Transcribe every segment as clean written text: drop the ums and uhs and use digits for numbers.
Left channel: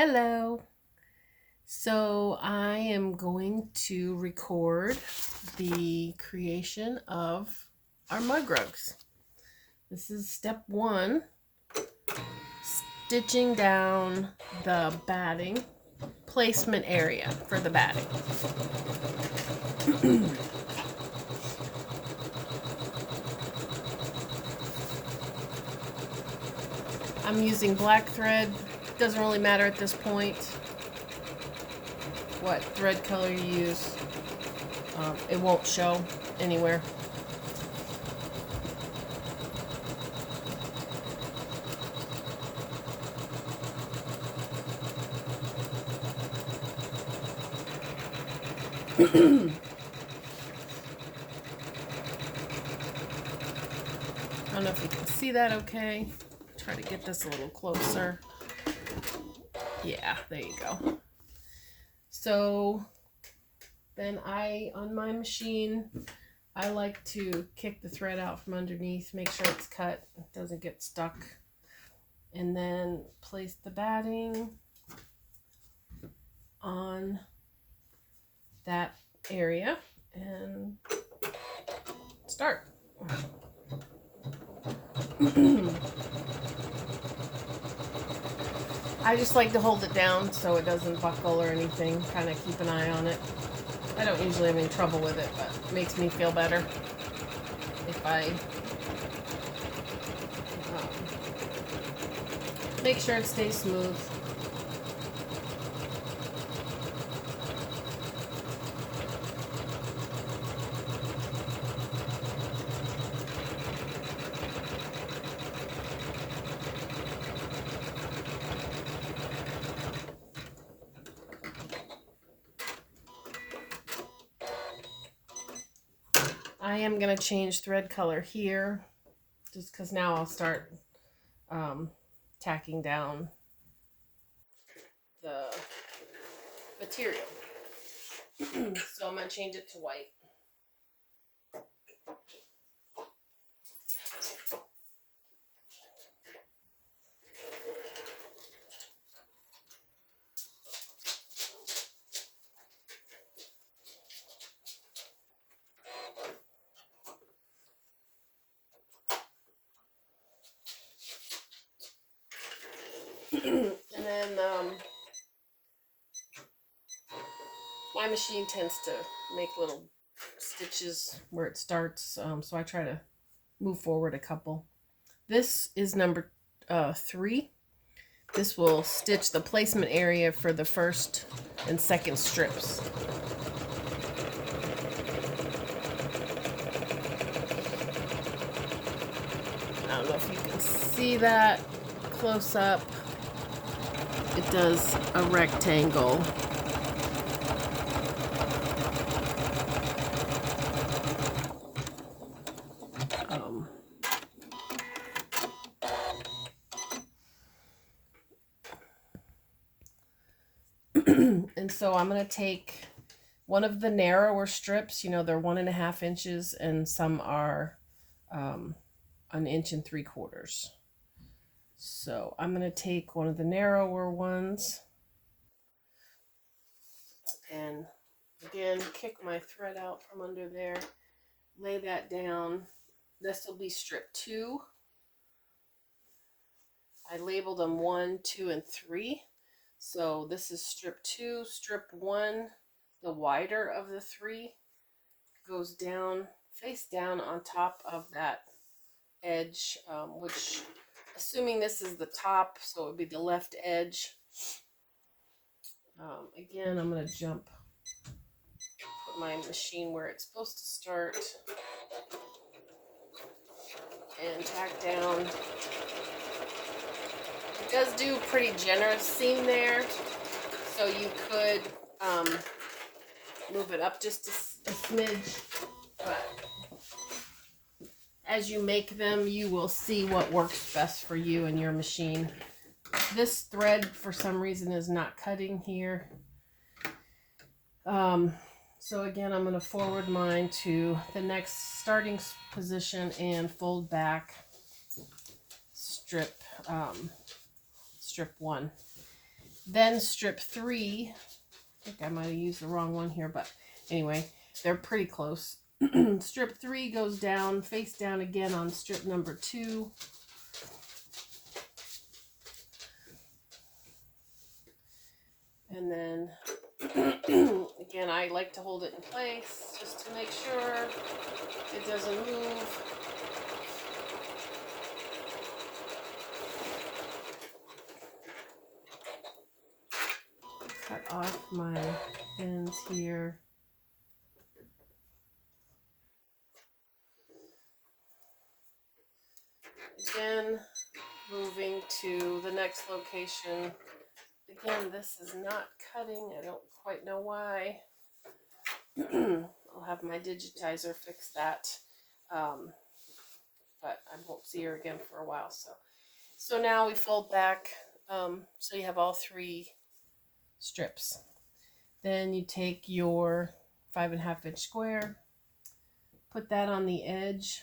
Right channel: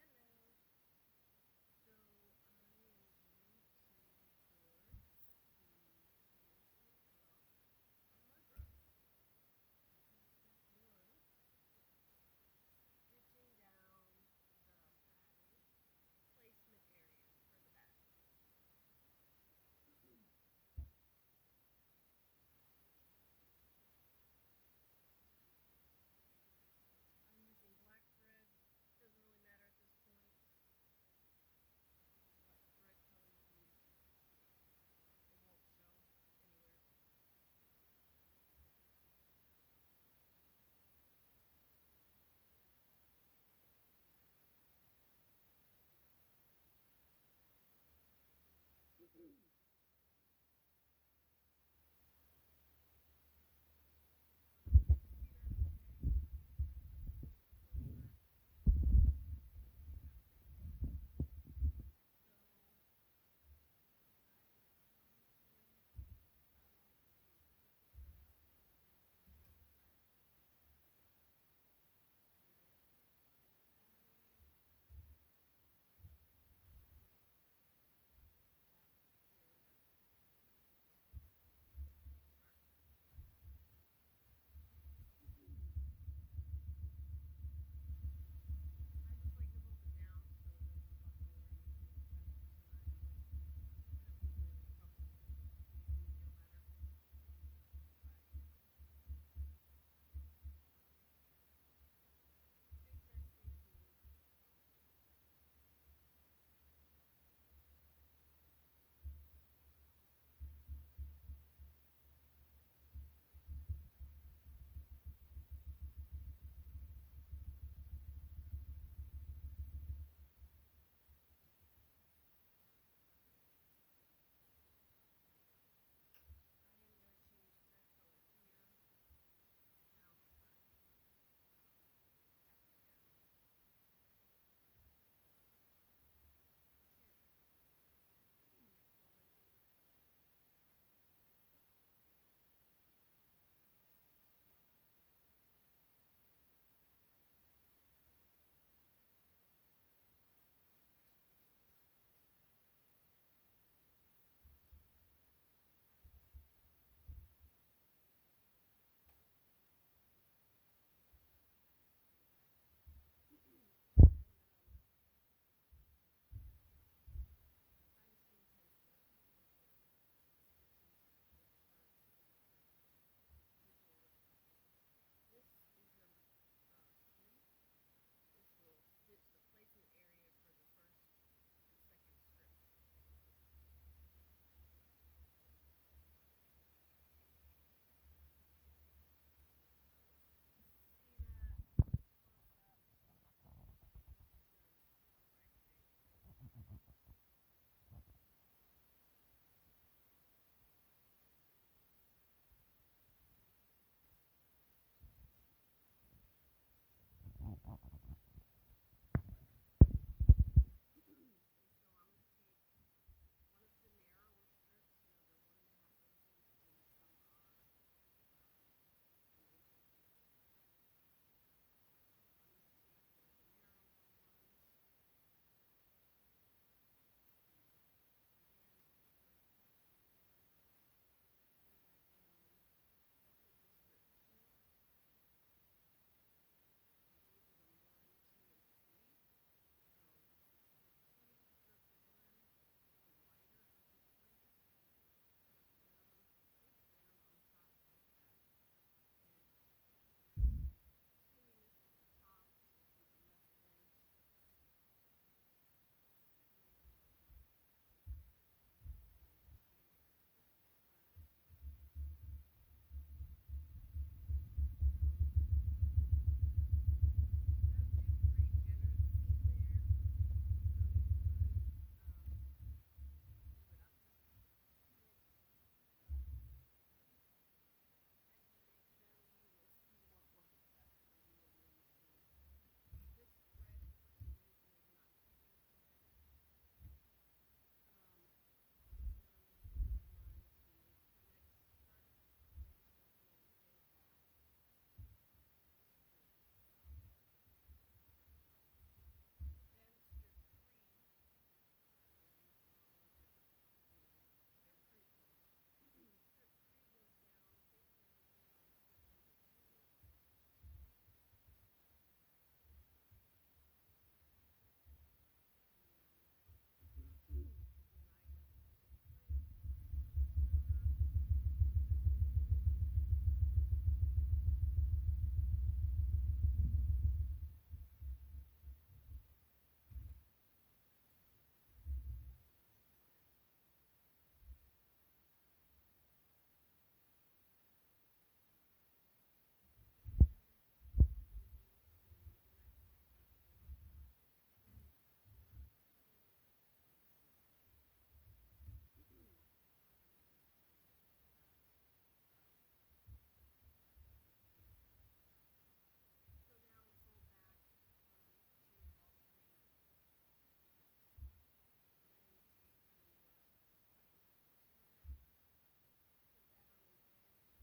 Hello. So I am going to record the creation of our mug rugs. This is step one, stitching down the batting placement area for the batting. I'm using black thread. Doesn't really matter at this point what thread color you use. It won't show anywhere. I don't know if you can see that okay. Try to get this a little closer. Yeah, there you go. So then on my machine, I like to kick the thread out from underneath, make sure it's cut, it doesn't get stuck. And then place the batting on that area and start. I just like to hold it down so it doesn't buckle or anything, kind of keep an eye on it. I don't usually have any trouble with it, but it makes me feel better if I make sure it stays smooth. I am going to change thread color here just because now I'll start tacking down the material. So I'm going to change it to white. And then my machine tends to make little stitches where it starts, so I try to move forward a couple. This is number 3. This will stitch the placement area for the first and second strips. I don't know if you can see that close up. It does a rectangle. And so I'm going to take one of the narrower strips, you know, they're 1.5 inches and some are 1 inch and 3/4. So I'm going to take one of the narrower ones and again kick my thread out from under there, lay that down. This will be strip 2. I labeled them 1, 2, and 3. So this is strip 2. Strip 1, the wider of the 3, goes down, face down on top of that edge, which, assuming this is the top, so it would be the left edge. Again, I'm going to put my machine where it's supposed to start and tack down. It does do a pretty generous seam there, so you could move it up just a smidge, but as you make them, you will see what works best for you and your machine. This thread, for some reason, is not cutting here. So again, I'm going to forward mine to the next starting position and fold back strip 1. Then strip 3, I think I might have used the wrong one here, but anyway, they're pretty close. Strip 3 goes down, face down again on strip number 2. And then, again, I like to hold it in place just to make sure it doesn't move. Cut off my ends here. Again, moving to the next location. Again, this is not cutting. I don't quite know why. I'll have my digitizer fix that. But I won't see her again for a while. So now we fold back. So you have all 3 strips. Then you take your 5.5 inch square, put that on the edge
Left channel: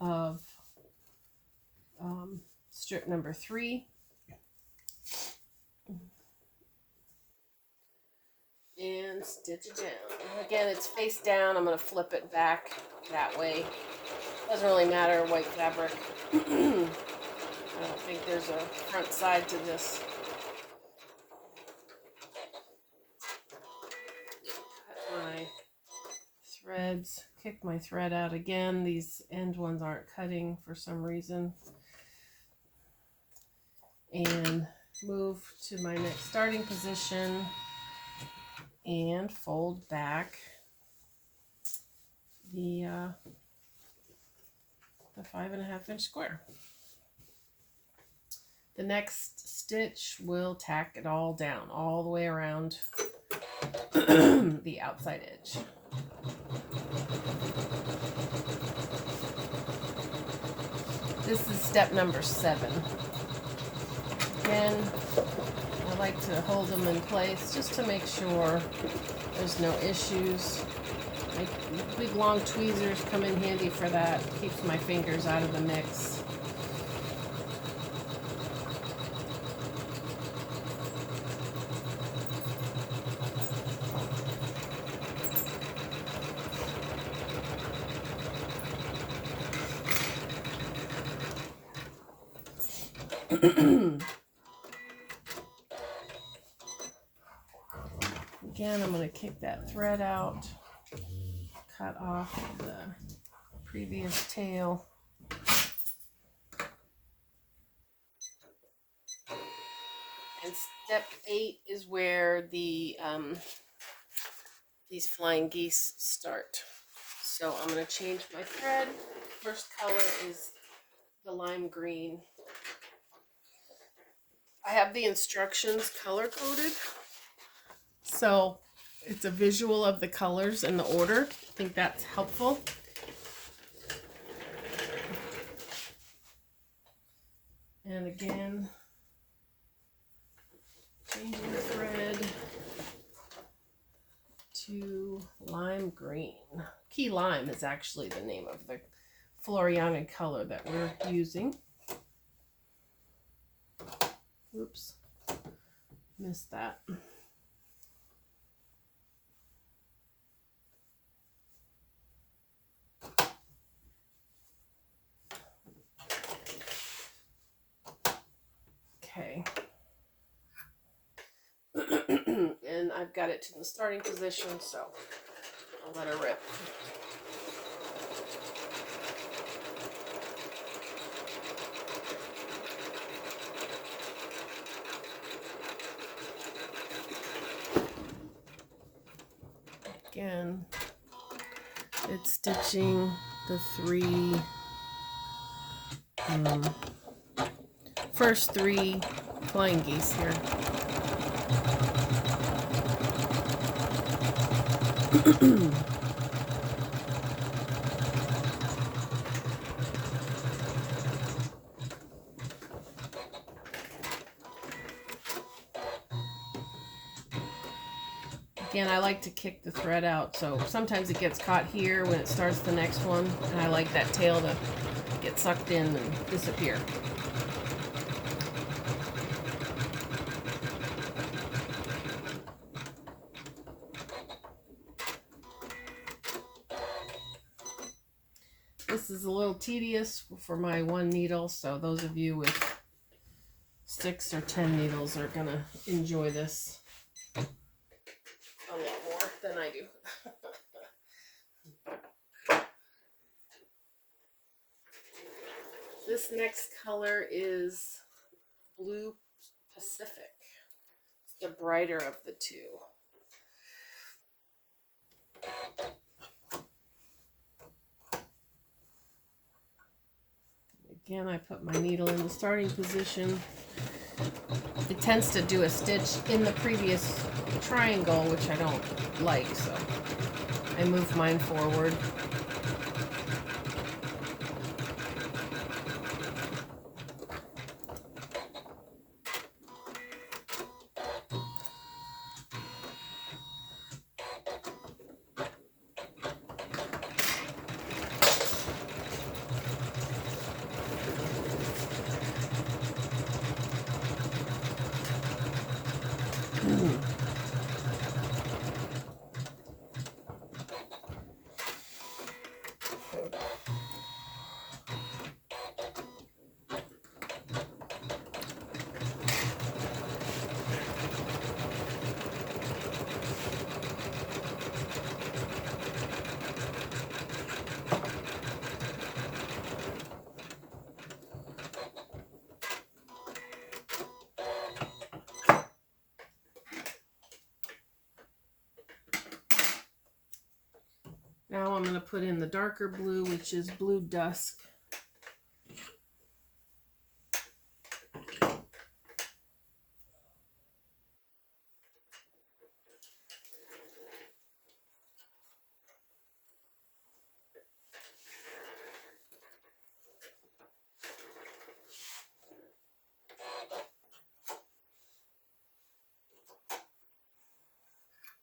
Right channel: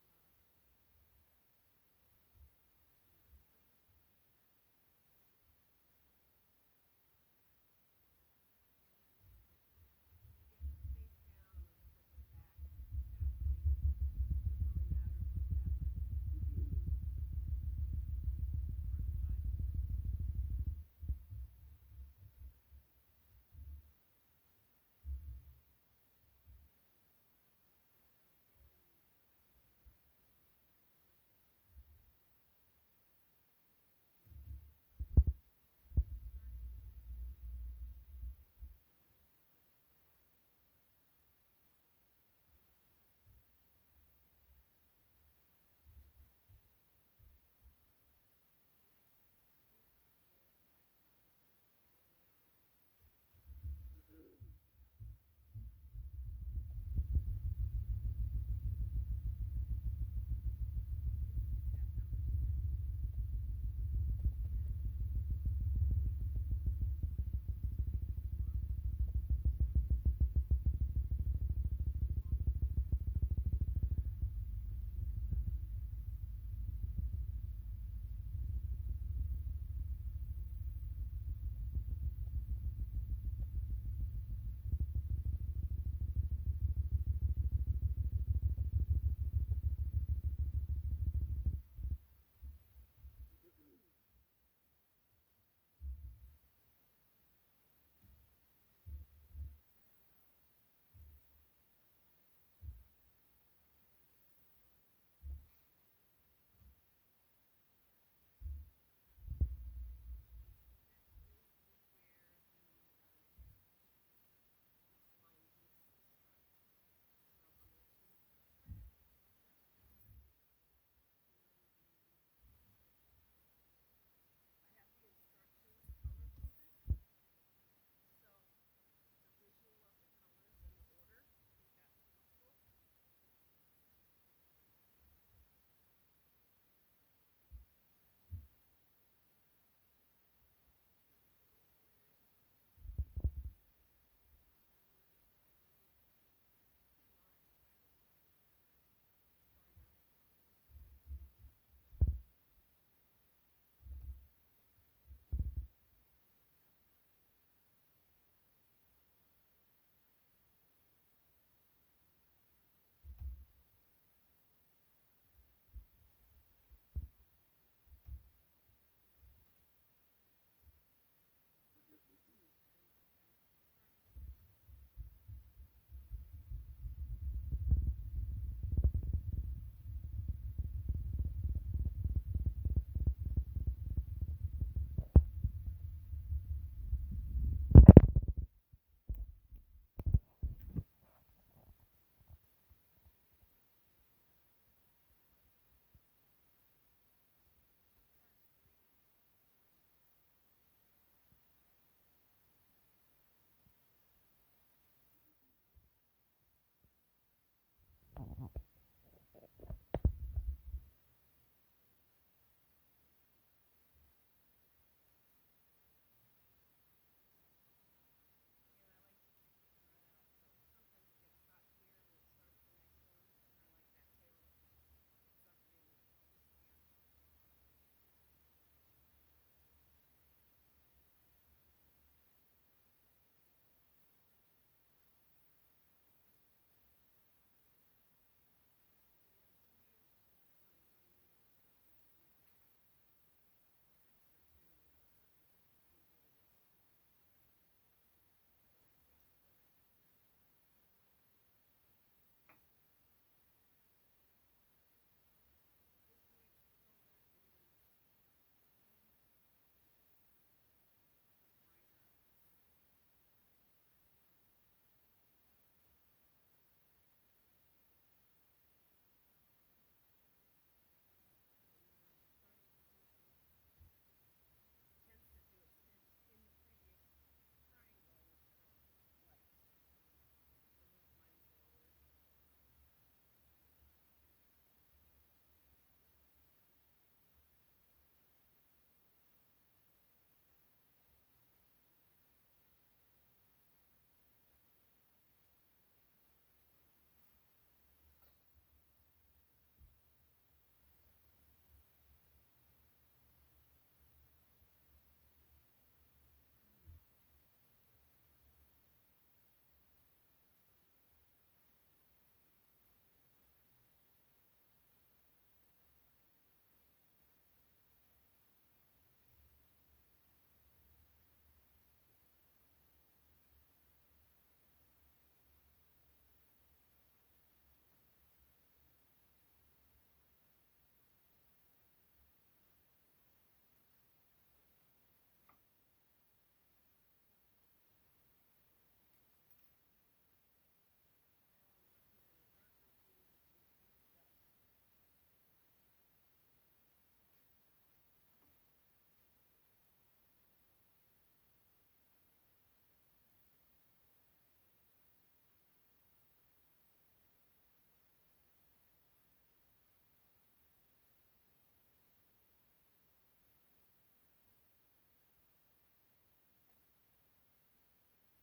of strip number 3. And stitch it down. Again, it's face down. I'm going to flip it back that way. Doesn't really matter, white fabric. I don't think there's a front side to this. Cut my threads. Kick my thread out again. These end ones aren't cutting for some reason. And move to my next starting position. And fold back the 5.5 inch square. The next stitch will tack it all down, all the way around the outside edge. This is step number 7. Again, I like to hold them in place just to make sure there's no issues. My big long tweezers come in handy for that. Keeps my fingers out of the mix. Again, I'm going to kick that thread out, cut off the previous tail. And step 8 is where the these flying geese start. So I'm going to change my thread. First color is the lime green. I have the instructions color coded, so it's a visual of the colors and the order. I think that's helpful. And again, changing the thread to lime green. Key lime is actually the name of the Floriana color that we're using. Oops, missed that. Okay. And I've got it to the starting position, so I'll let her rip. Again, it's stitching the 3 first 3 flying geese here. Again, I like to kick the thread out, so sometimes it gets caught here when it starts the next one, and I like that tail to get sucked in and disappear. This is a little tedious for my one needle, so those of you with 6 or 10 needles are gonna enjoy this a lot more than I do. This next color is Blue Pacific. It's the brighter of the two. Again, I put my needle in the starting position. It tends to do a stitch in the previous triangle, which I don't like, so I move mine forward. Now I'm going to put in the darker blue, which is Blue Dusk.